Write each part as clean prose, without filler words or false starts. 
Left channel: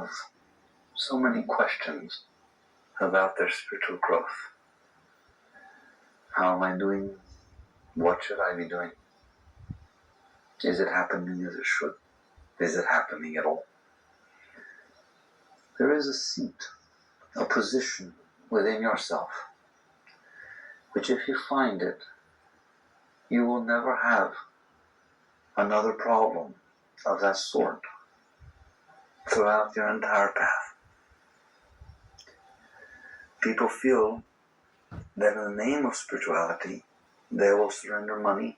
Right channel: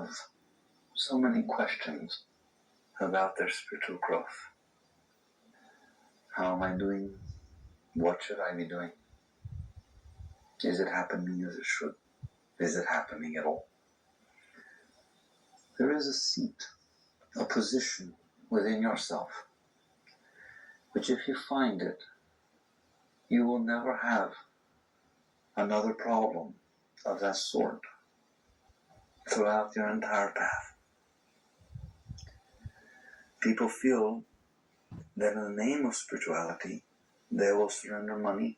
have so many questions about their spiritual growth. How am I doing? What should I be doing? Is it happening as it should? Is it happening at all? There is a seat, a position within yourself, which if you find it, you will never have another problem of that sort throughout your entire path. People feel that in the name of spirituality, they will surrender money,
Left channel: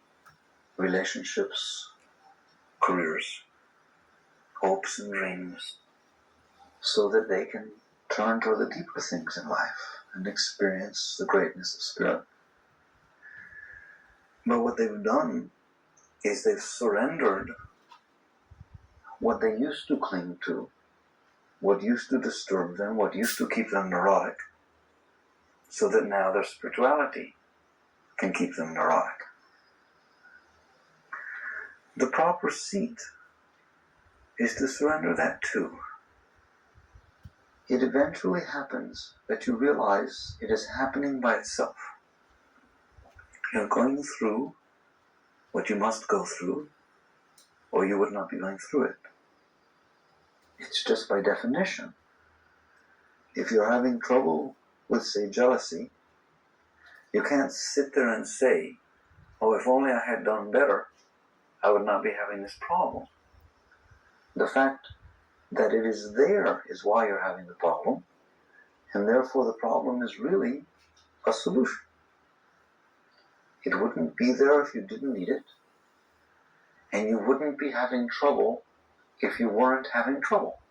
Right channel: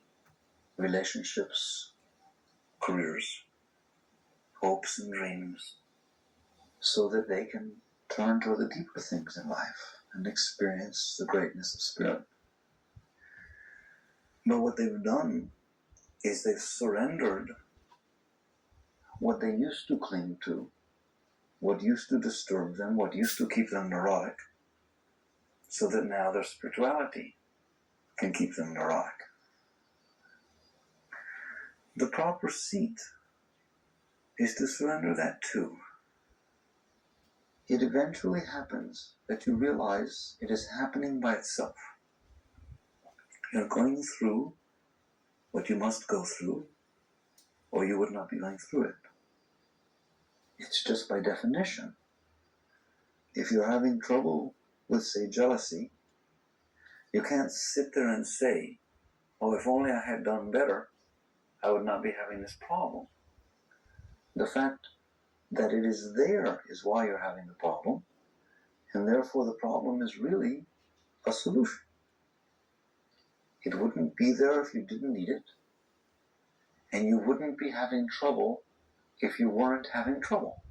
relationships, careers, hopes and dreams, so that they can turn to the deeper things in life and experience the greatness of spirit. But what they've done is they've surrendered what they used to cling to, what used to disturb them, what used to keep them neurotic, so that now their spirituality can keep them neurotic. The proper seat is to surrender that too. It eventually happens that you realize it is happening by itself. You're going through what you must go through, or you would not be going through it. It's just by definition. If you're having trouble with, say, jealousy, you can't sit there and say, oh, if only I had done better, I would not be having this problem. The fact that it is there is why you're having the problem, and therefore the problem is really a solution. It wouldn't be there if you didn't need it, and you wouldn't be having trouble if you weren't having trouble.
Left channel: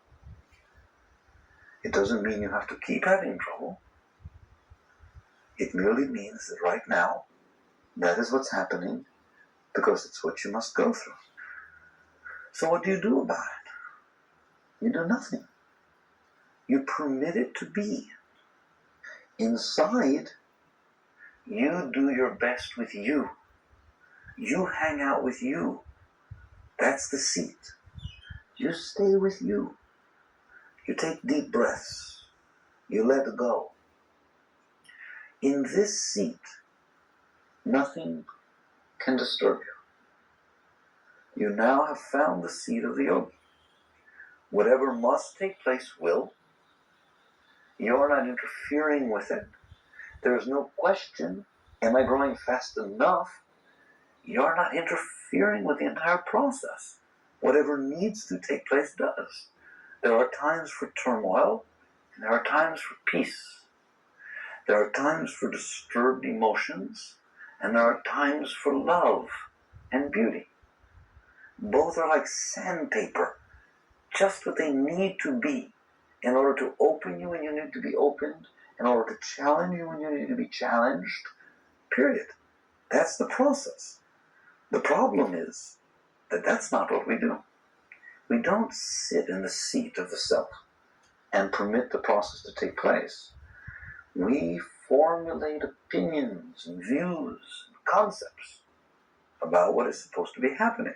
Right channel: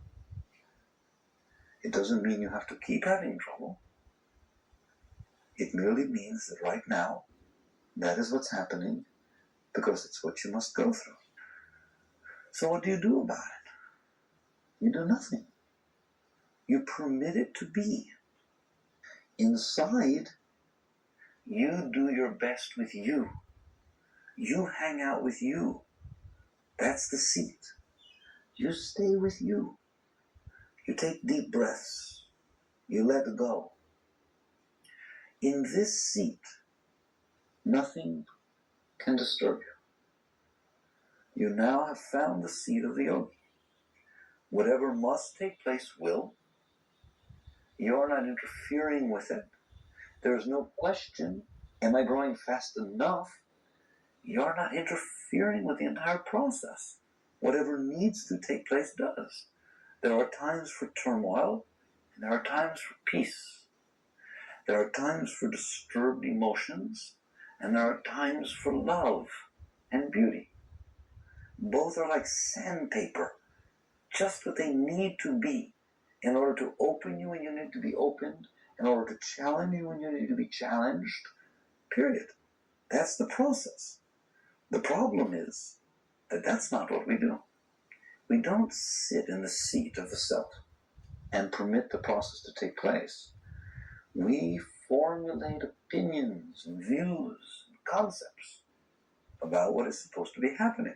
It doesn't mean you have to keep having trouble. It merely means that right now, that is what's happening because it's what you must go through. So what do you do about it? You do nothing. You permit it to be. Inside, you do your best with you. You hang out with you. That's the seat. You stay with you. You take deep breaths. You let go. In this seat, nothing can disturb you. You now have found the seat of the yogi. Whatever must take place will. You're not interfering with it. There is no question, am I growing fast enough? You're not interfering with the entire process. Whatever needs to take place does. There are times for turmoil, and there are times for peace. There are times for disturbed emotions, and there are times for love and beauty. Both are like sandpaper, just what they need to be in order to open you when you need to be opened, in order to challenge you when you need to be challenged, period. That's the process. The problem is that that's not what we do. We don't sit in the seat of the self and permit the process to take place. We formulate opinions and views and concepts about what is supposed to be happening,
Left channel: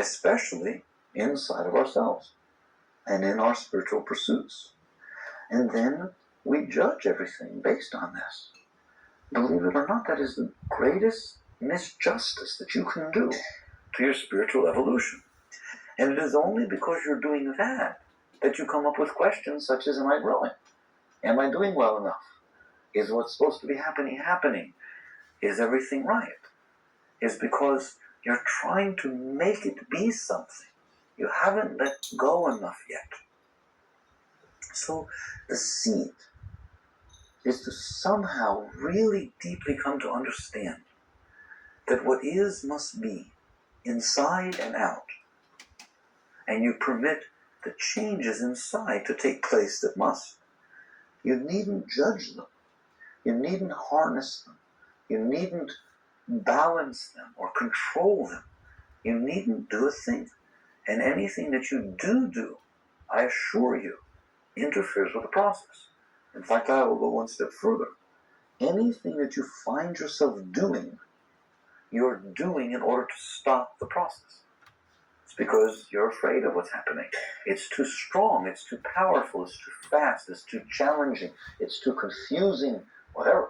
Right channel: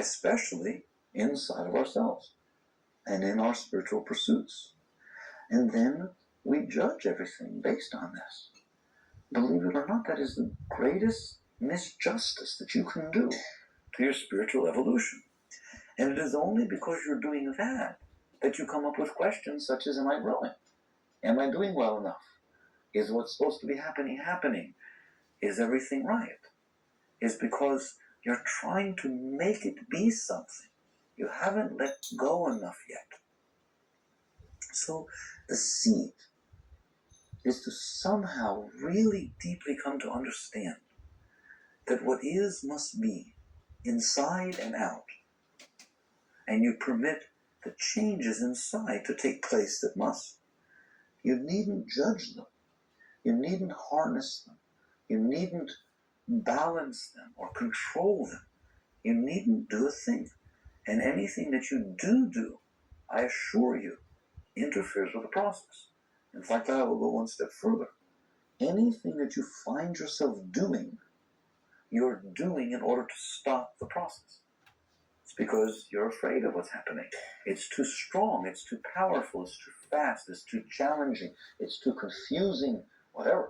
especially inside of ourselves and in our spiritual pursuits. And then we judge everything based on this. Believe it or not, that is the greatest misjustice that you can do to your spiritual evolution. And it is only because you're doing that that you come up with questions such as, am I growing? Am I doing well enough? Is what's supposed to be happening? Is everything right? Is because you're trying to make it be something. You haven't let go enough yet. So the seed is to somehow really deeply come to understand that what is must be, inside and out. And you permit the changes inside to take place that must. You needn't judge them. You needn't harness them. You needn't balance them or control them. You needn't do a thing. And anything that you do, I assure you, interferes with the process. In fact, I will go one step further. Anything that you find yourself doing, you're doing in order to stop the process. It's because you're afraid of what's happening. It's too strong, it's too powerful, it's too fast, it's too challenging, it's too confusing, whatever.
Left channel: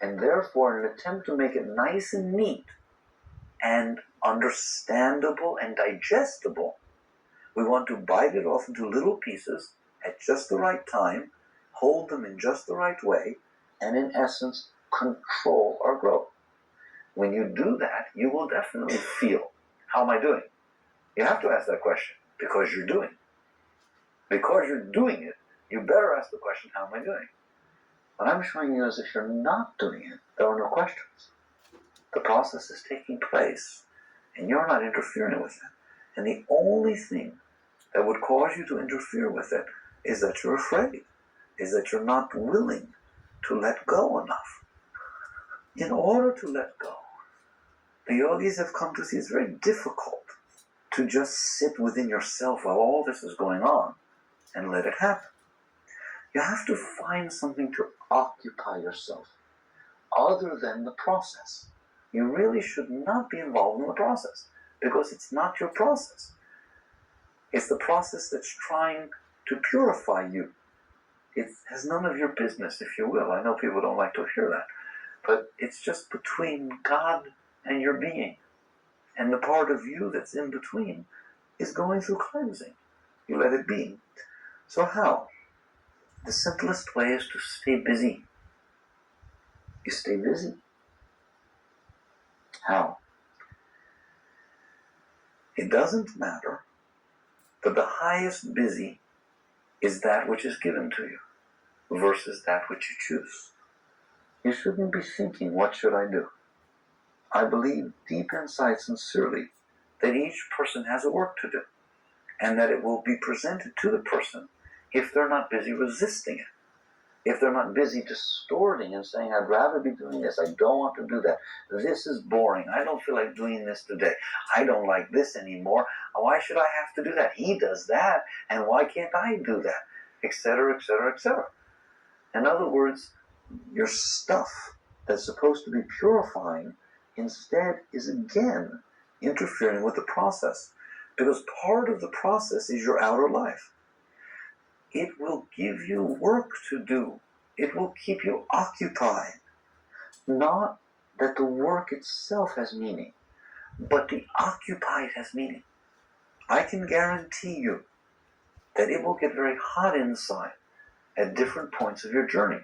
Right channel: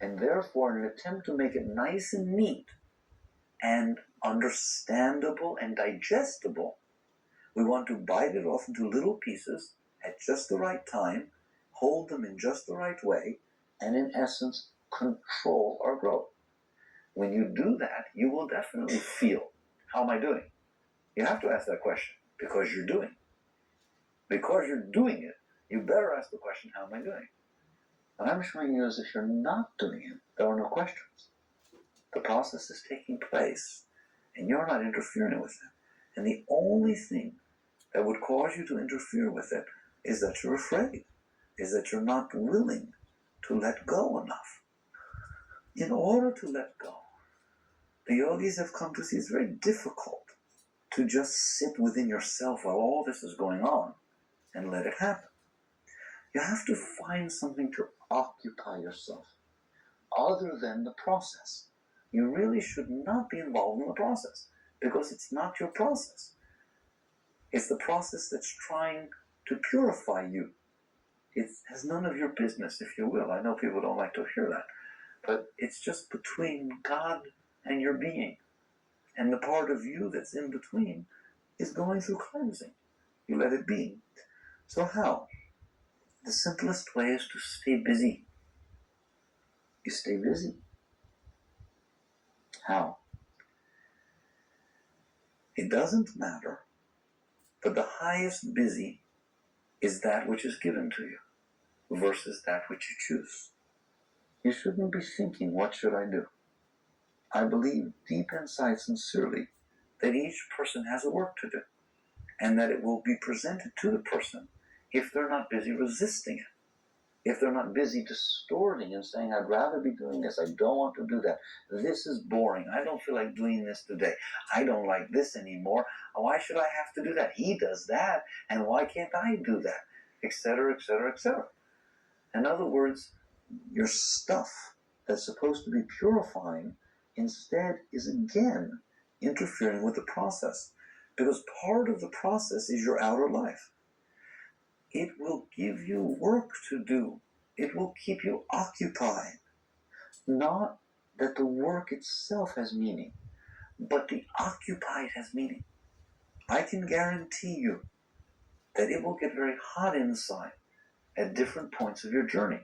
And therefore, in an attempt to make it nice and neat and understandable and digestible, we want to bite it off into little pieces at just the right time, hold them in just the right way, and in essence, control our growth. When you do that, you will definitely feel, how am I doing? You have to ask that question because you're doing it. Because you're doing it, you better ask the question, how am I doing? What I'm showing you is if you're not doing it, there are no questions. The process is taking place, and you're not interfering with it. And the only thing that would cause you to interfere with it is that you're afraid, is that you're not willing to let go enough. In order to let go, the yogis have come to see it's very difficult to just sit within yourself while all this is going on and let it happen. You have to find something to occupy yourself other than the process. You really should not be involved in the process because it's not your process. It's the process that's trying to purify you. It has none of your business, if you will. I know people don't like to hear that, but it's just between God and your being. And the part of you that's in between is going through cleansing. You let it be. So how? The simplest way is to stay busy. You stay busy. How? It doesn't matter, but the highest busy is that which is given to you versus that which you choose. You shouldn't be thinking, what should I do? I believe deep inside sincerely that each person has a work to do and that it will be presented to the person if they're not busy resisting it. If they're not busy distorting and saying, I'd rather be doing this, I don't want to do that. This is boring. I don't feel like doing this today. I don't like this anymore. Why should I have to do that? He does that, and why can't I do that? Etc., etc., etc. In other words, your stuff that's supposed to be purifying instead is again interfering with the process, because part of the process is your outer life. It will give you work to do. It will keep you occupied. Not that the work itself has meaning, but the occupied has meaning. I can guarantee you that it will get very hot inside at different points of your journey,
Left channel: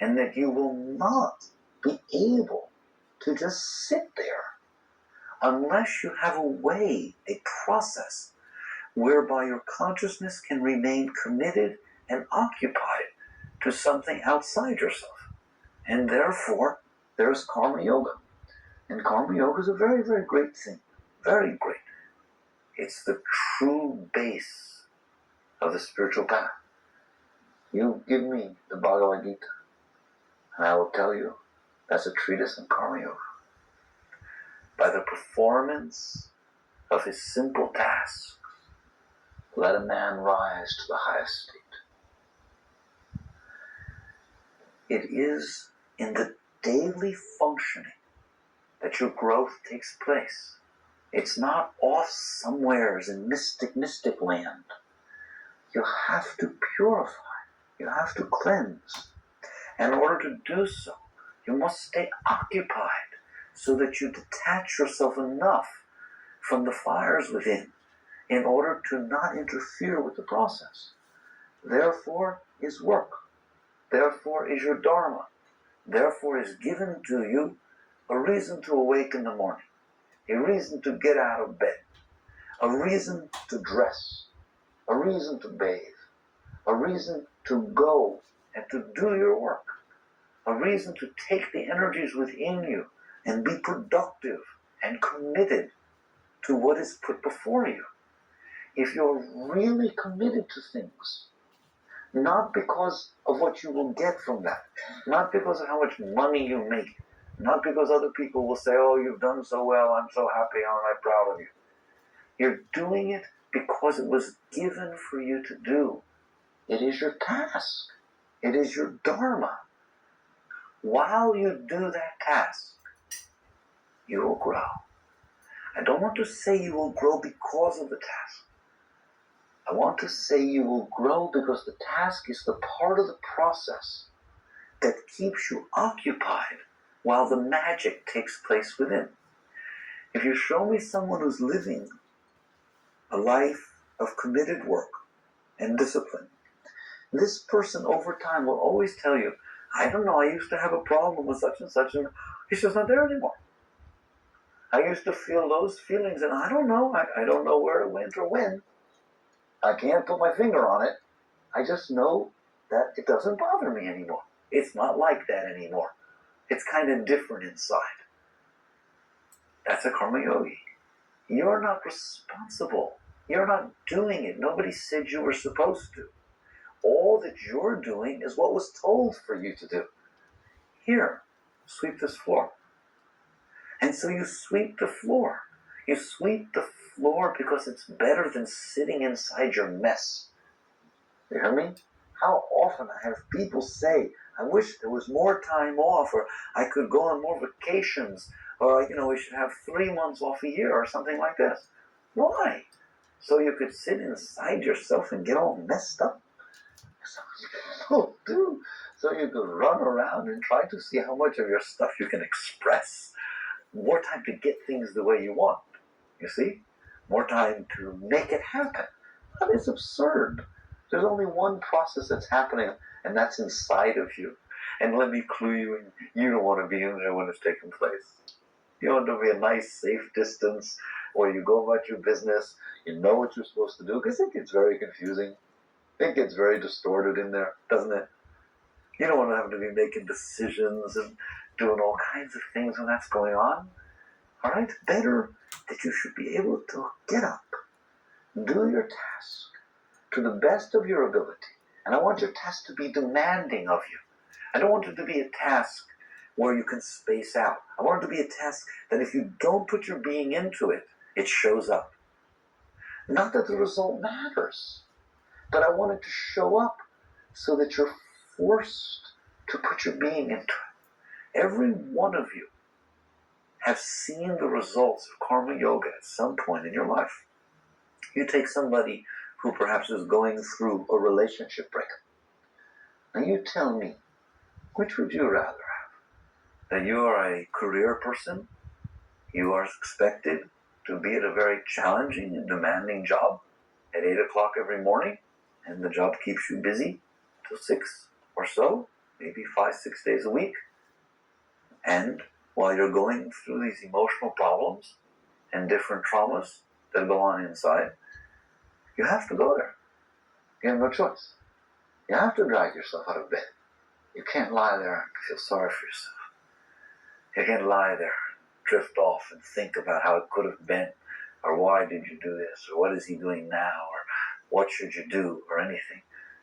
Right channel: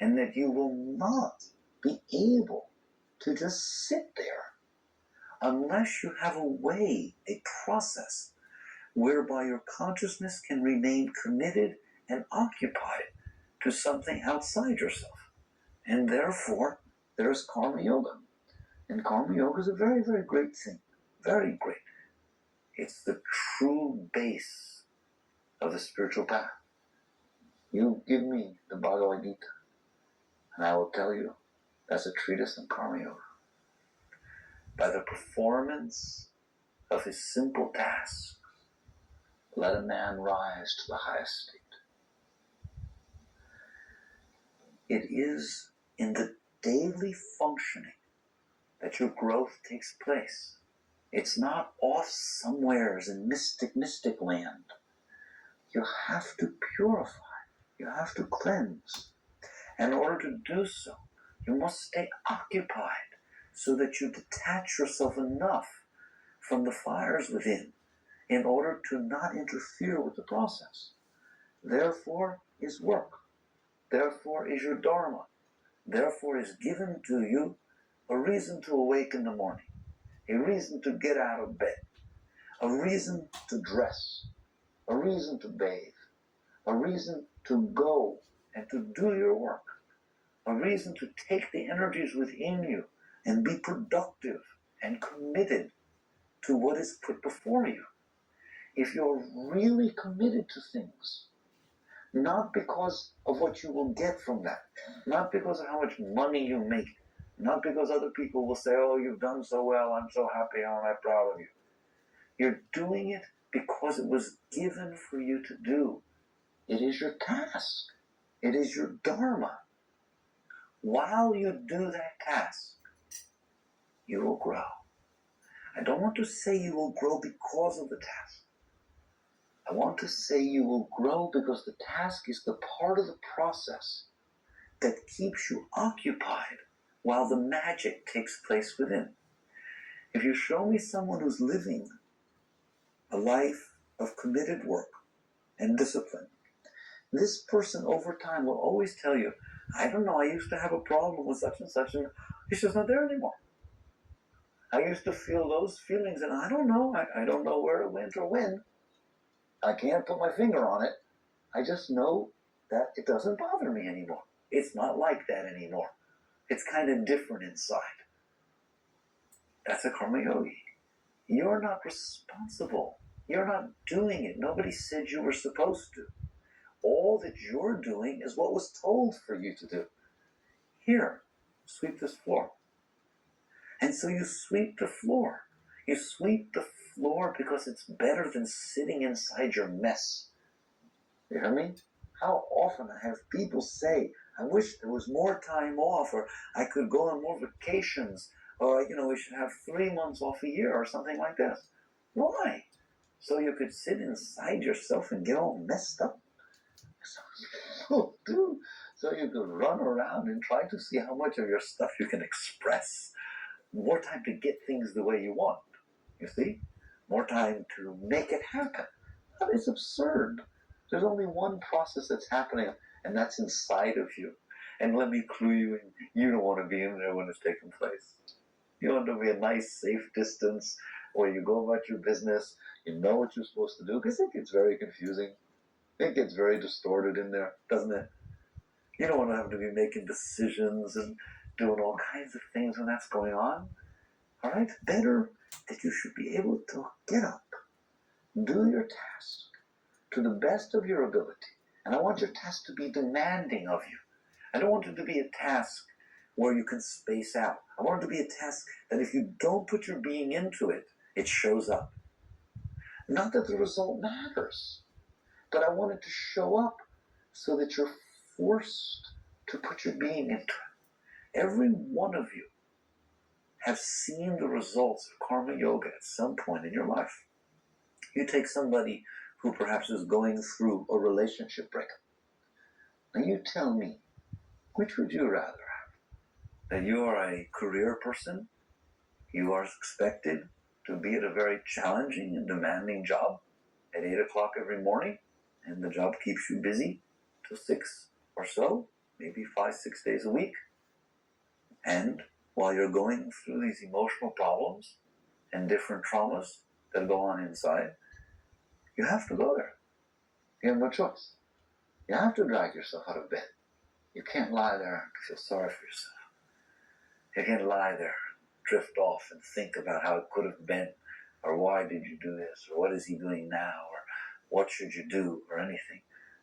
and that you will not be able to just sit there unless you have a way, a process, whereby your consciousness can remain committed and occupied to something outside yourself. And therefore, there's karma yoga. And karma yoga is a very, very great thing. Very great. It's the true base of the spiritual path. You give me the Bhagavad Gita, and I will tell you that's a treatise on karma yoga. By the performance of his simple task, let a man rise to the highest state. It is in the daily functioning that your growth takes place. It's not off somewheres in mystic land. You have to purify. You have to cleanse. In order to do so, you must stay occupied so that you detach yourself enough from the fires within in order to not interfere with the process. Therefore is work. Therefore is your dharma. Therefore is given to you a reason to awake in the morning, a reason to get out of bed, a reason to dress, a reason to bathe, a reason to go and to do your work, a reason to take the energies within you and be productive and committed to what is put before you. If you're really committed to things, not because of what you will get from that, not because of how much money you make, not because other people will say, oh, you've done so well, I'm so happy, aren't I proud of you. You're doing it because it was given for you to do. It is your task. It is your dharma. While you do that task, you will grow. I don't want to say you will grow because of the task. I want to say you will grow because the task is the part of the process that keeps you occupied while the magic takes place within. If you show me someone who's living a life of committed work and discipline, this person over time will always tell you, I don't know, I used to have a problem with such and such, and it's just not there anymore. I used to feel those feelings, and I don't know. I don't know where it went or when. I can't put my finger on it. I just know that it doesn't bother me anymore. It's not like that anymore. It's kind of different inside. That's a karma yogi. You're not responsible. You're not doing it. Nobody said you were supposed to. All that you're doing is what was told for you to do. Here, sweep this floor. And so you sweep the floor. You sweep the floor because it's better than sitting inside your mess. You hear me? How often I have people say, I wish there was more time off, or I could go on more vacations, or, we should have 3 months off a year, or something like this. Why? So you could sit inside yourself and get all messed up? So you could run around and try to see how much of your stuff you can express. More time to get things the way you want. You see? More time to make it happen. That is absurd. There's only one process that's happening, and that's inside of you. And let me clue you in, you don't want to be in there when it's taking place. You want to be a nice, safe distance where you go about your business, you know what you're supposed to do, because it gets very confusing. It gets very distorted in there, doesn't it? You don't want to have to be making decisions and doing all kinds of things when that's going on. All right? Better that you should be able to get up, do your task to the best of your ability. And I want your task to be demanding of you. I don't want it to be a task where you can space out. I want it to be a task that if you don't put your being into it, it shows up. Not that the result matters, but I want it to show up so that you're forced to put your being into it. Every one of you have seen the results of karma yoga at some point in your life. You take somebody who perhaps is going through a relationship breakup. Now you tell me, which would you rather have? That you are a career person, you are expected to be at a very challenging and demanding job at 8 o'clock every morning, and the job keeps you busy till 6 or so, maybe 5, 6 days a week. And while you're going through these emotional problems and different traumas that go on inside, you have to go there. You have no choice. You have to drag yourself out of bed. You can't lie there and feel sorry for yourself. You can't lie there, drift off and think about how it could have been, or why did you do this, or what is he doing now, or what should you do, or anything.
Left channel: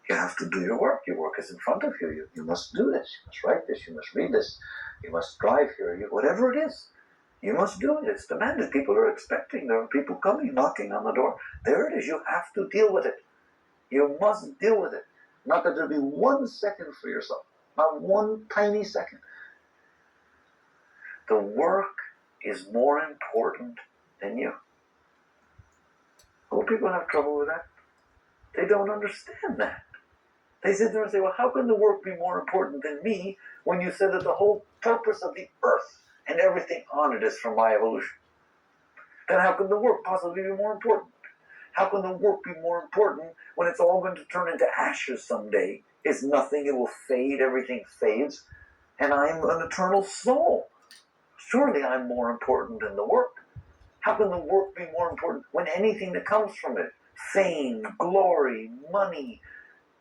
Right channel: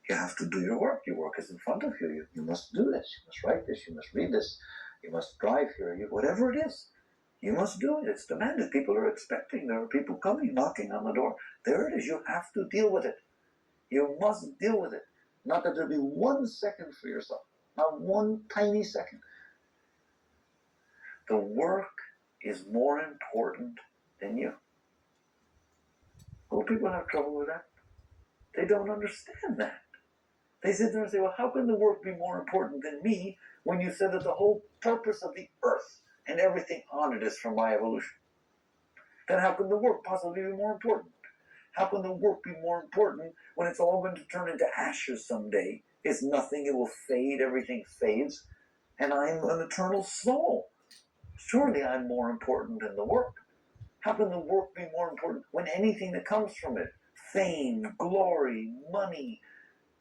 You have to do your work. Your work is in front of you. You must do this. You must write this. You must read this. You must drive here. Whatever it is, you must do it. It's demanded. People are expecting. There are people coming, knocking on the door. There it is. You have to deal with it. You must deal with it. Not that there'll be 1 second for yourself. Not one tiny second. The work is more important than you. Well, people have trouble with that. They don't understand that. They sit there and say, well, how can the work be more important than me when you said that the whole purpose of the earth and everything on it is for my evolution? Then how can the work possibly be more important? How can the work be more important when it's all going to turn into ashes someday? It's nothing, it will fade, everything fades, and I'm an eternal soul. Surely I'm more important than the work. How can the work be more important when anything that comes from it, fame, glory, money,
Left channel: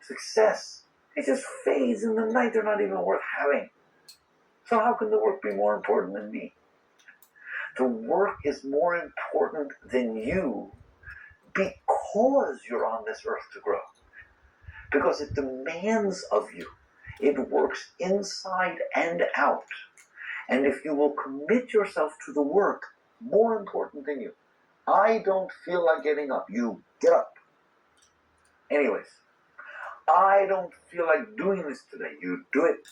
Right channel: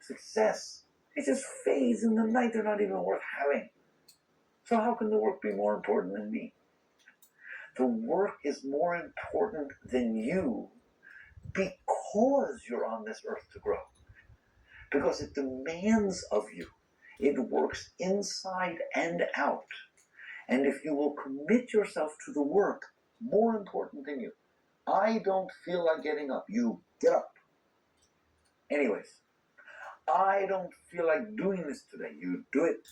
success, it just fades in the night. They're not even worth having. So how can the work be more important than me? The work is more important than you because you're on this earth to grow. Because it demands of you. It works inside and out. And if you will commit yourself to the work, more important than you. I don't feel like getting up. You get up. Anyways, I don't feel like doing this today. You do it.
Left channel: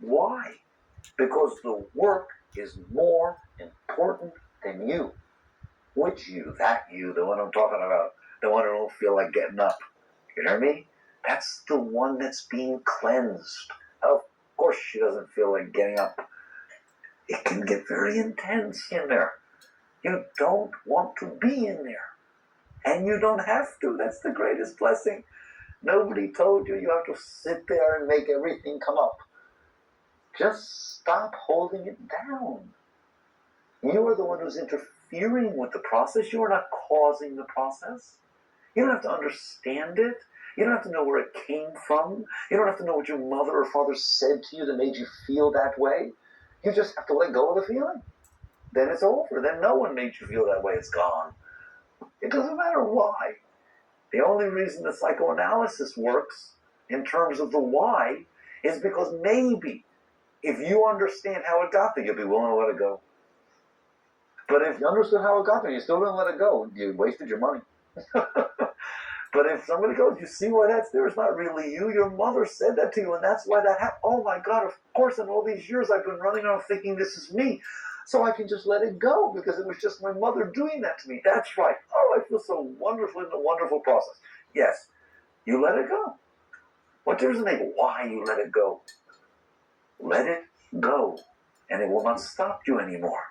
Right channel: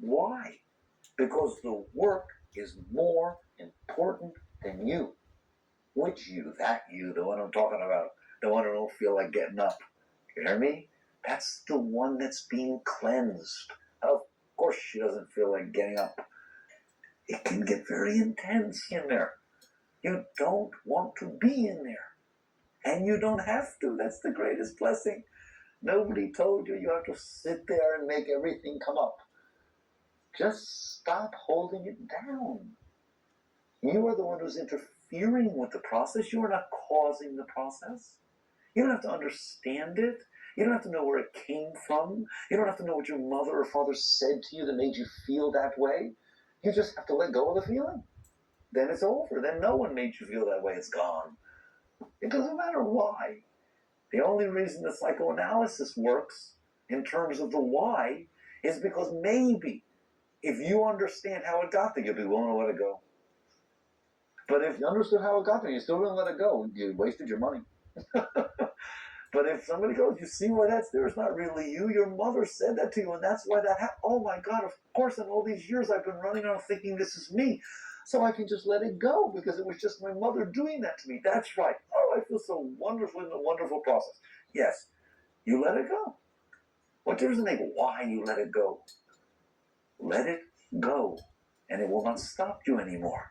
Why? Because the work is more important than you. Which you? That you, the one I'm talking about. The one who don't feel like getting up. You hear me? That's the one that's being cleansed. Of course she doesn't feel like getting up. It can get very intense in there. You don't want to be in there. And you don't have to. That's the greatest blessing. Nobody told you you have to sit there and make everything come up. Just stop holding it down. You are the one who's interfering with the process. You are not causing the process. You don't have to understand it. You don't have to know where it came from. You don't have to know what your mother or father said to you that made you feel that way. You just have to let go of the feeling. Then it's over. Then no one made you feel that way. It's gone. It doesn't matter why. The only reason the psychoanalysis works in terms of the why is because maybe if you understand how it got there, you'll be willing to let it go. But if you understood how it got there, you still didn't let it go. You wasted your money. But if somebody goes, you see why that's there? It's not really you. Your mother said that to you, and that's why that happened. Oh my God, of course, in all these years I've been running around thinking this is me. So I can just let it go because it was just my mother doing that to me. That's right. Oh, I feel so wonderful in the wonderful process. Yes, you let it go. What does it make? Why you let it go? Let it go, and it will not stop you anymore.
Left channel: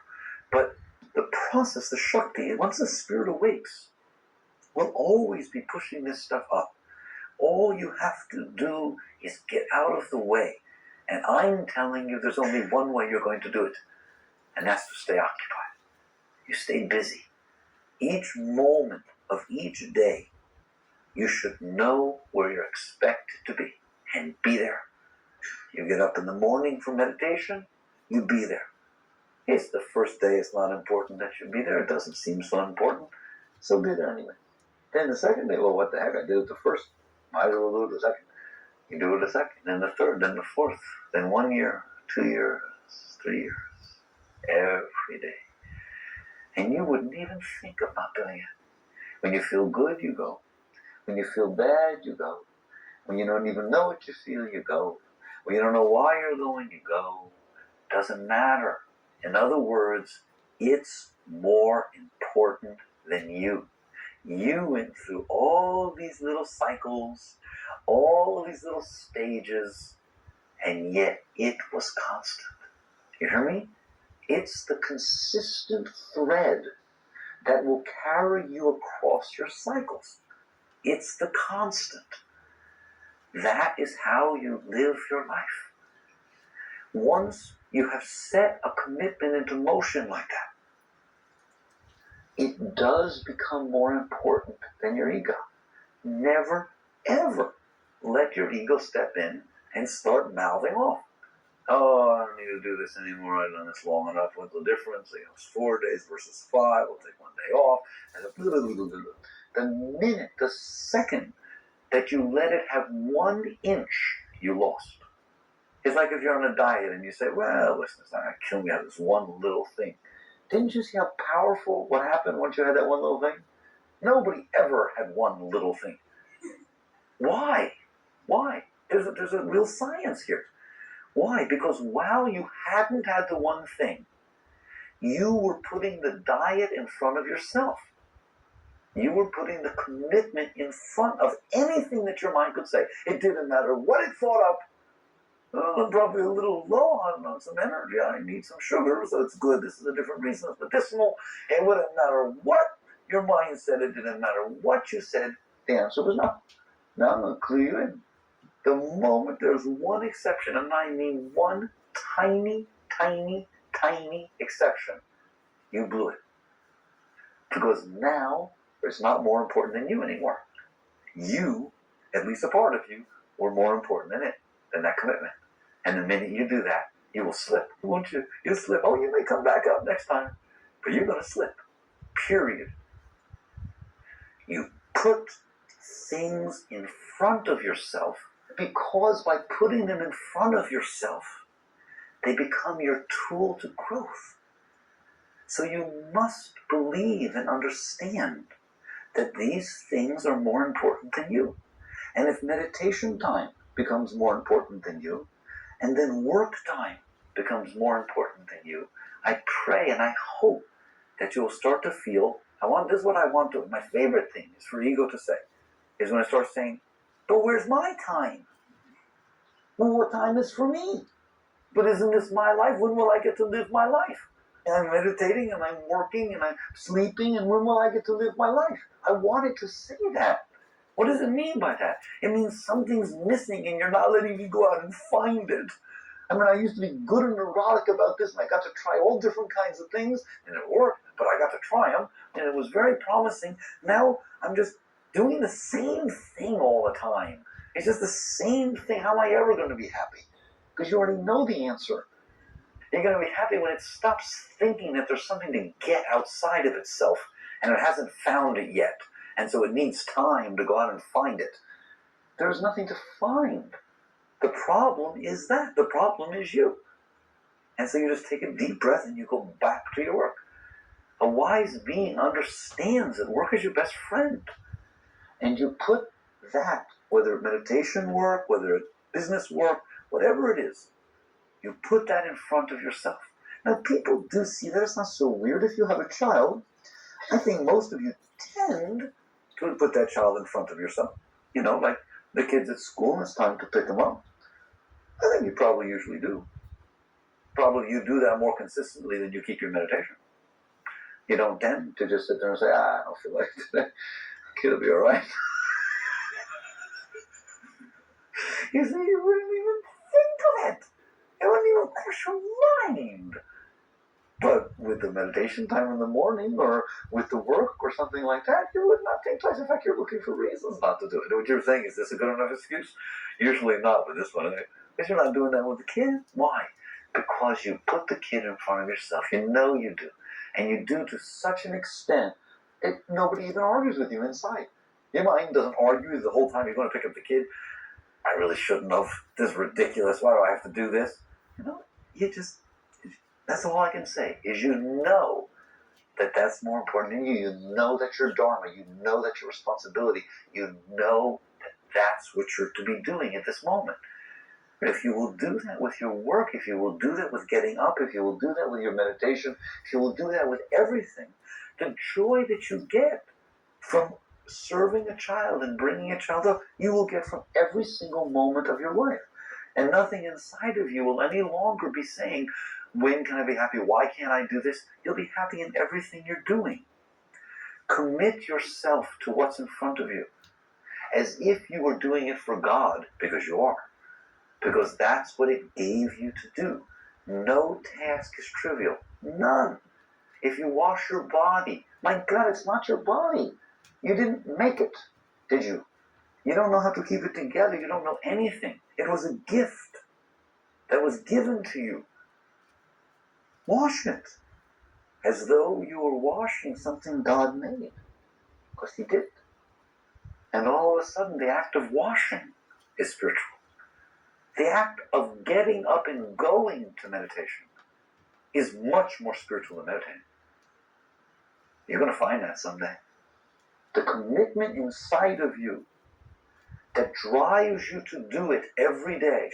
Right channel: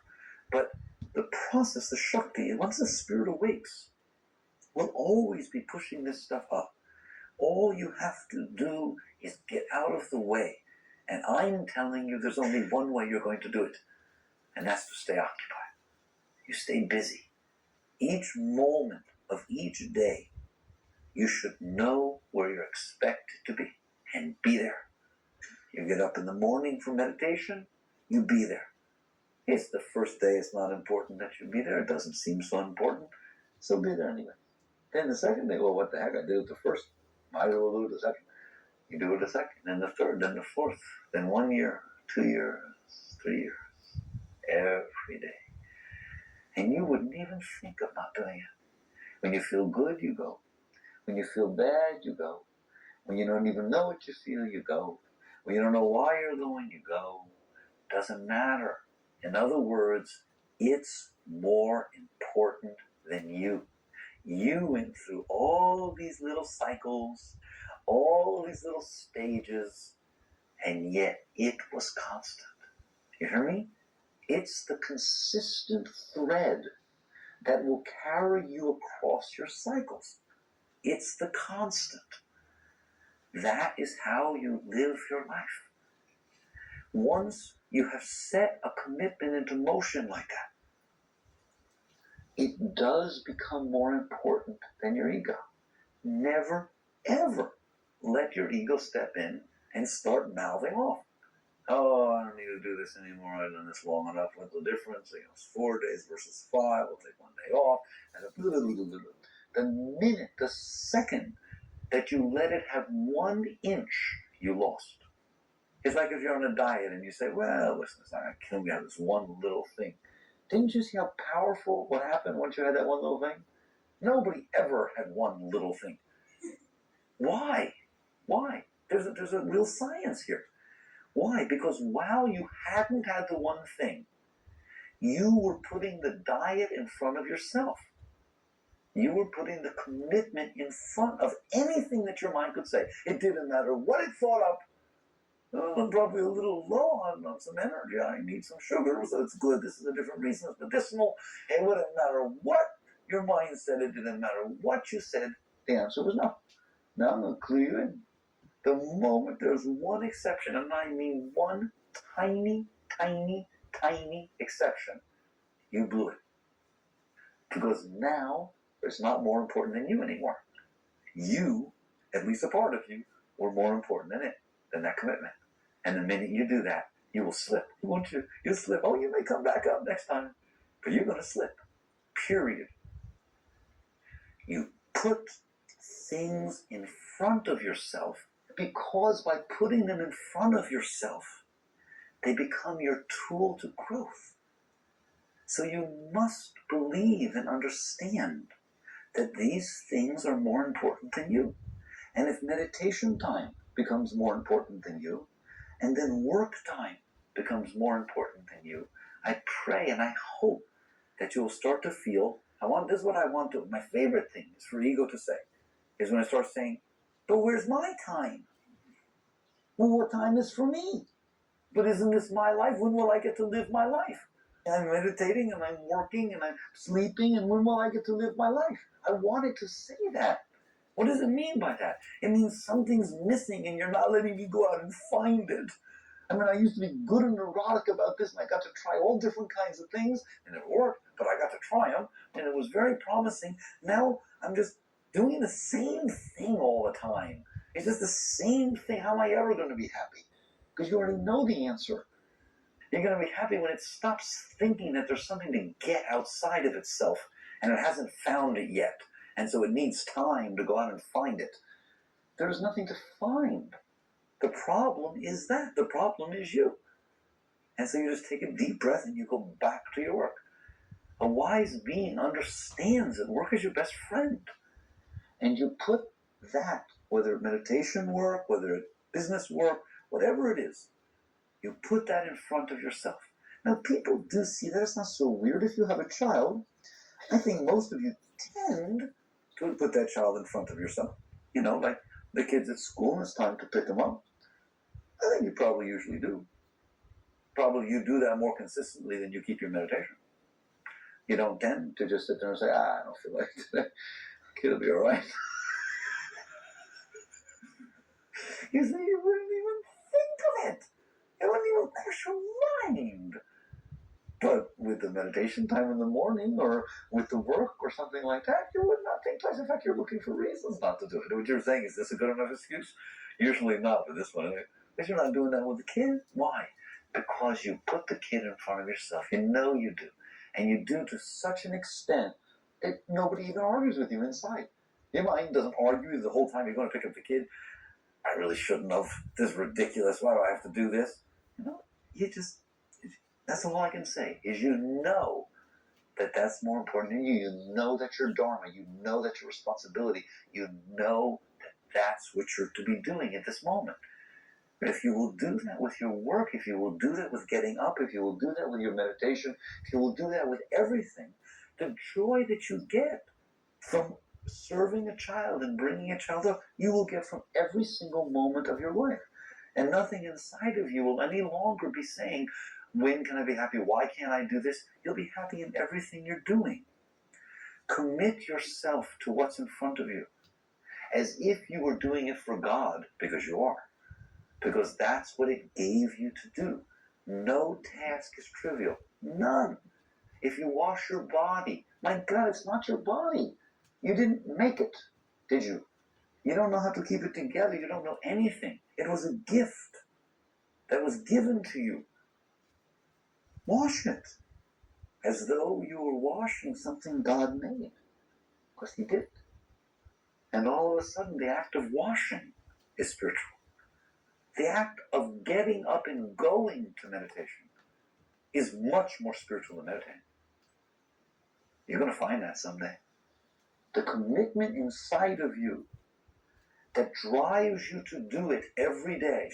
But the process, the Shakti, once the spirit awakes, will always be pushing this stuff up. All you have to do is get out of the way. And I'm telling you, there's only one way you're going to do it, and that's to stay occupied. You stay busy. Each moment of each day, you should know where you're expected to be and be there. You get up in the morning for meditation, you be there. It's the first day, it's not important that you be there. It doesn't seem so important, so be there anyway. Then the second day, well, what the heck? I did it the first. Might as well do it the second. You do it the second, then the third, then the fourth, then 1 year, 2 years, 3 years, every day. And you wouldn't even think of not doing it. When you feel good, you go. When you feel bad, you go. When you don't even know what you feel, you go. When you don't know why you're going, you go. Doesn't matter. In other words, it's more important than you. You went through all these little cycles, all these little stages, and yet it was constant. You hear me? It's the consistent thread that will carry you across your cycles. It's the constant. That is how you live your life. Once you have set a commitment into motion like that, it does become more important than your ego. Never, ever let your ego step in and start mouthing off. Oh, I don't need to do this anymore. I've done this long enough. What's the difference? It's 4 days versus 5. We'll take 1 day off. And the minute, the second that you let it have 1 inch, you lost. It's like if you're on a diet and you say, well, listen, it's not going to kill me out of this one little thing. Didn't you see how powerful what happened once you had that one little thing? Nobody ever had one little thing. Why? Why? There's a real science here. Why? Because while you hadn't had the one thing, you were putting the diet in front of yourself. You were putting the commitment in front of anything that your mind could say. It didn't matter what it thought up. I'm probably a little low on some energy. I need some sugar, so it's good. This is a different reason. It's medicinal. It wouldn't matter what your mind said. It didn't matter what you said. The answer was no. Now I'm going to clue you in. The moment there's one exception, and I mean one tiny, tiny, tiny exception, you blew it. Because now it's not more important than you anymore. You, at least a part of you, were more important than it, than that commitment. And the minute you do that, you will slip. Won't you? You'll slip. Oh, you may come back up next time, but you're going to slip. Period. You put things in front of yourself because by putting them in front of yourself, they become your tool to growth. So you must believe and understand that these things are more important than you. And if meditation time becomes more important than you, and then work time becomes more important than you, I pray and I hope that you'll start to feel This is what I want to. My favorite thing is for ego to say, is when it starts saying, but where's my time? Well, what time is for me? But isn't this my life? When will I get to live my life? And I'm meditating and I'm working and I'm sleeping, and when will I get to live my life? I wanted to say that. What does it mean by that? It means something's missing and you're not letting me go out and find it. I mean, I used to be good and neurotic about this, and I got to try all different kinds of things, and it worked, but I got to try them, and it was very promising. Now I'm just doing the same thing all the time. It's just the same thing. How am I ever going to be happy? Because you already know the answer. You're going to be happy when it stops thinking that there's something to get outside of itself, and it hasn't found it yet, and so it needs time to go out and find it. There's nothing to find. The problem is that. The problem is you. And so you just take a deep breath and you go back to your work. A wise being understands that work is your best friend. And you put that, whether meditation work, whether it's business work, whatever it is, you put that in front of yourself. Now, people do see that. It's not so weird. If you have a child, I think most of you tend to put that child in front of yourself. You know, like the kids at school, and it's time to pick them up. I think you probably usually do. Probably you do that more consistently than you keep your meditation. You don't tend to just sit there and say, I don't feel like today. Kid will be all right. You see, you wouldn't even think of it. It wouldn't even cross your mind. But with the meditation time in the morning, or with the work or something like that, you would not think twice. In fact, you're looking for reasons not to do it. What you're saying, is this a good enough excuse? Usually not with this one. Because you're not doing that with the kid. Why? Because you put the kid in front of yourself. You know you do. And you do to such an extent that nobody even argues with you inside. Your mind doesn't argue the whole time you're going to pick up the kid. I really shouldn't have. This is ridiculous. Why do I have to do this? You know, that's all I can say, is you know that that's more important than you. You know that your dharma. You know that your responsibility. You know that that's what you're to be doing at this moment. But if you will do that with your work, if you will do that with getting up, if you will do that with your meditation, if you will do that with everything, the joy that you get from serving a child and bringing a child up, you will get from every single moment of your life. And nothing inside of you will any longer be saying, when can I be happy? Why can't I do this? You'll be happy in everything you're doing. Commit yourself to what's in front of you, as if you were doing it for God, because you are. Because that's what it gave you to do. No task is trivial. None. If you wash your body, my God, it's not your body. You didn't make it, did you? You don't know how to keep it together. You don't know anything. It was a gift that was given to you. Wash it as though you were washing something God made, because He did. And all of a sudden, the act of washing is spiritual. The act of getting up and going to meditation is much more spiritual than meditating. You're going to find that someday. The commitment inside of you that drives you to do it every day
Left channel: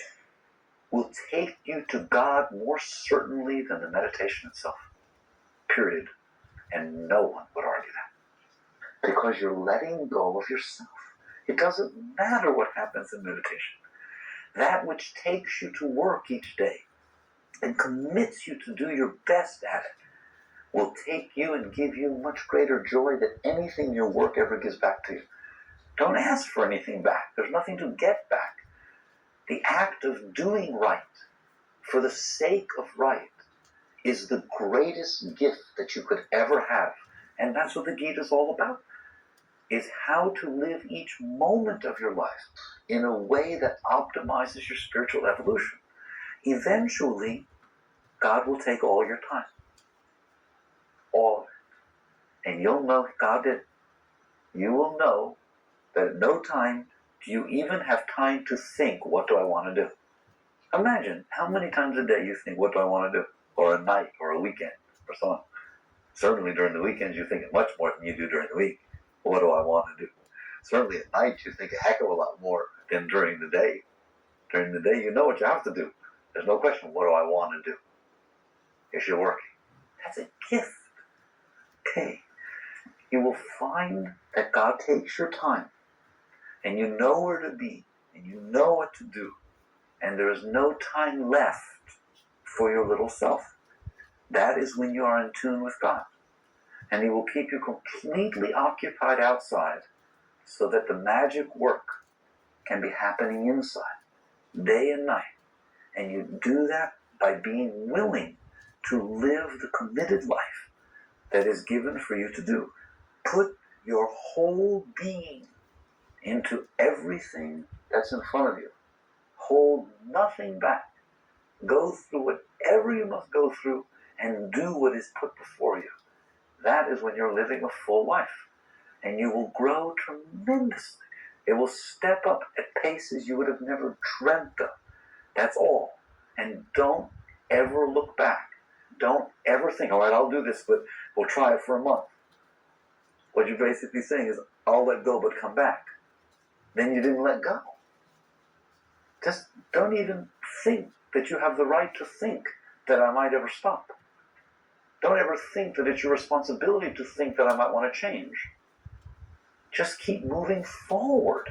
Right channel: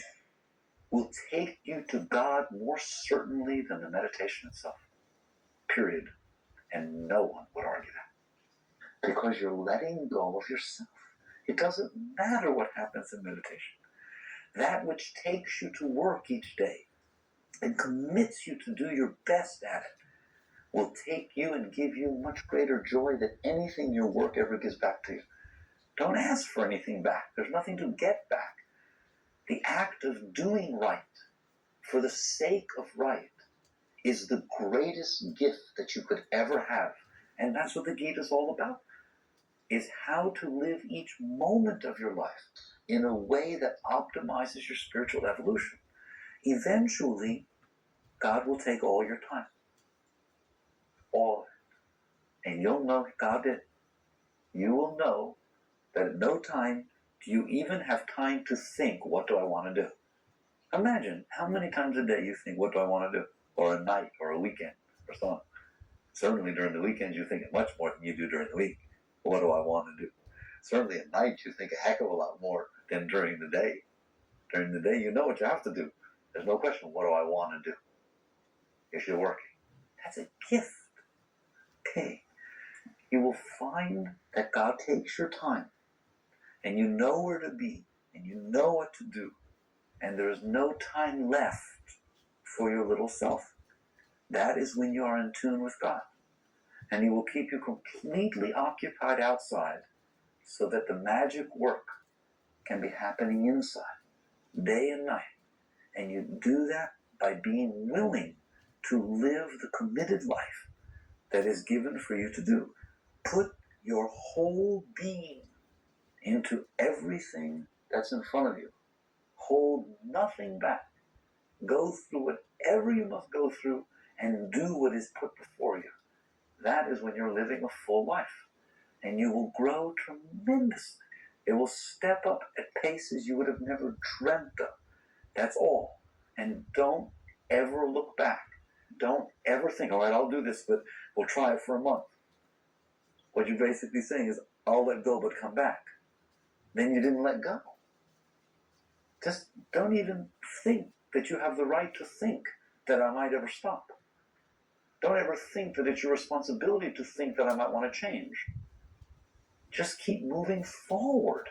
will take you to God more certainly than the meditation itself. Period. And no one would argue that. Because you're letting go of yourself. It doesn't matter what happens in meditation. That which takes you to work each day and commits you to do your best at it will take you and give you much greater joy than anything your work ever gives back to you. Don't ask for anything back. There's nothing to get back. The act of doing right for the sake of right is the greatest gift that you could ever have. And that's what the Gita is all about, is how to live each moment of your life in a way that optimizes your spiritual evolution. Eventually, God will take all your time. All of it. And you'll know God did. You will know that at no time do you even have time to think, what do I want to do? Imagine how many times a day you think, what do I want to do? Or a night, or a weekend, or so on. Certainly during the weekends you think much more than you do during the week. What do I want to do? Certainly at night you think a heck of a lot more than during the day. During the day you know what you have to do. There's no question, what do I want to do? If you're working. That's a gift. Okay. you will find that God takes your time, and you know where to be, and you know what to do, and there is no time left for your little self. That is when you are in tune with God. And He will keep you completely occupied outside so that the magic work can be happening inside, day and night. And you do that by being willing to live the committed life that is given for you to do. Put your whole being into everything that's in front of you. Hold nothing back. Go through whatever you must go through and do what is put before you. That is when you're living a full life. And you will grow tremendously. It will step up at paces you would have never dreamt of. That's all. And don't ever look back. Don't ever think, all right, I'll do this, but we'll try it for a month. What you're basically saying is, I'll let go, but come back. Then you didn't let go. Just don't even think that you have the right to think that I might ever stop. Don't ever think that it's your responsibility to think that I might want to change. Just keep moving forward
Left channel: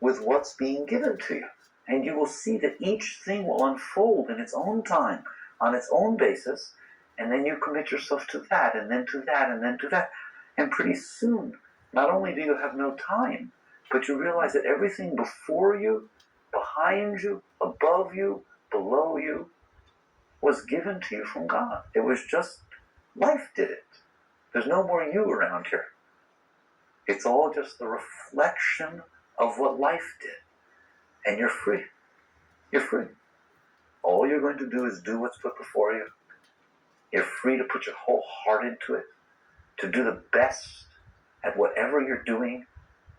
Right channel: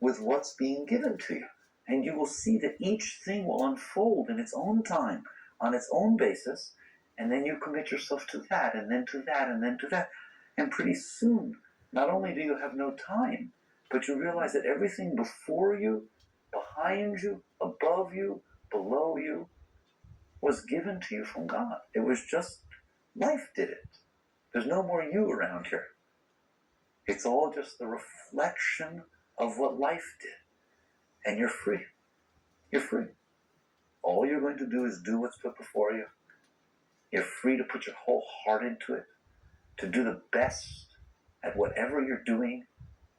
with what's being given to you. And you will see that each thing will unfold in its own time, on its own basis, and then you commit yourself to that, and then to that, and then to that. And pretty soon, not only do you have no time, but you realize that everything before you, behind you, above you, below you, was given to you from God. It was just, life did it. There's no more you around here. It's all just the reflection of what life did. And you're free. You're free. All you're going to do is do what's put before you. You're free to put your whole heart into it, to do the best at whatever you're doing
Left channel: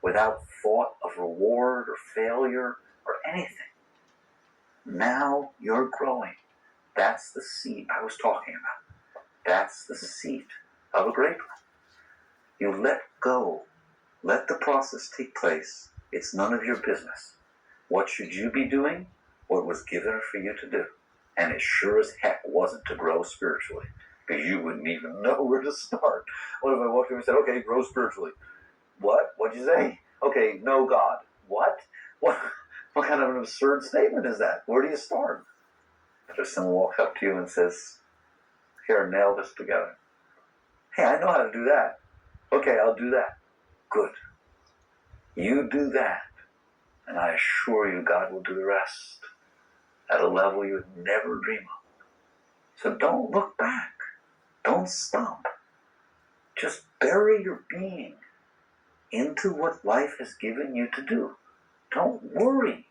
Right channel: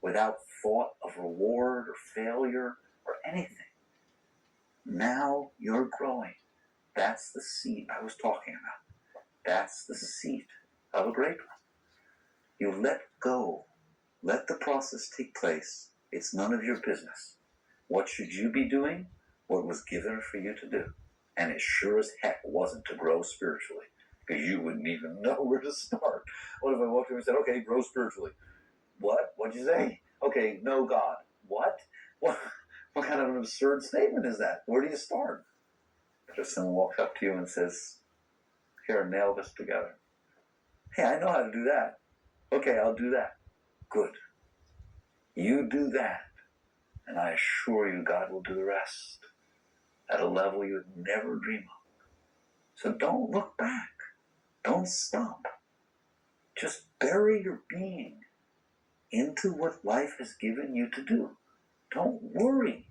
without thought of reward or failure or anything. Now you're growing. That's the seed I was talking about. That's the seed of a great one. You let go. Let the process take place. It's none of your business. What should you be doing? What was given for you to do. And it sure as heck wasn't to grow spiritually, because you wouldn't even know where to start. What if I walked in and said, okay, grow spiritually? What? What'd you say? Okay, know God. What? What kind of an absurd statement is that? Where do you start? If someone walks up to you and says, here, nail this together. Hey, I know how to do that. Okay, I'll do that. Good. You do that, and I assure you God will do the rest at a level you would never dream of. So don't look back. Don't stop. Just bury your being into what life has given you to do. Don't worry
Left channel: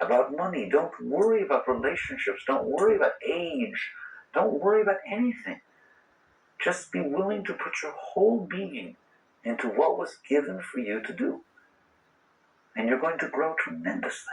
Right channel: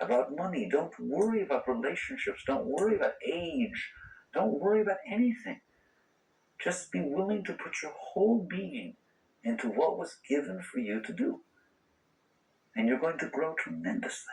about money. Don't worry about relationships. Don't worry about age. Don't worry about anything. Just be willing to put your whole being into what was given for you to do. And you're going to grow tremendously.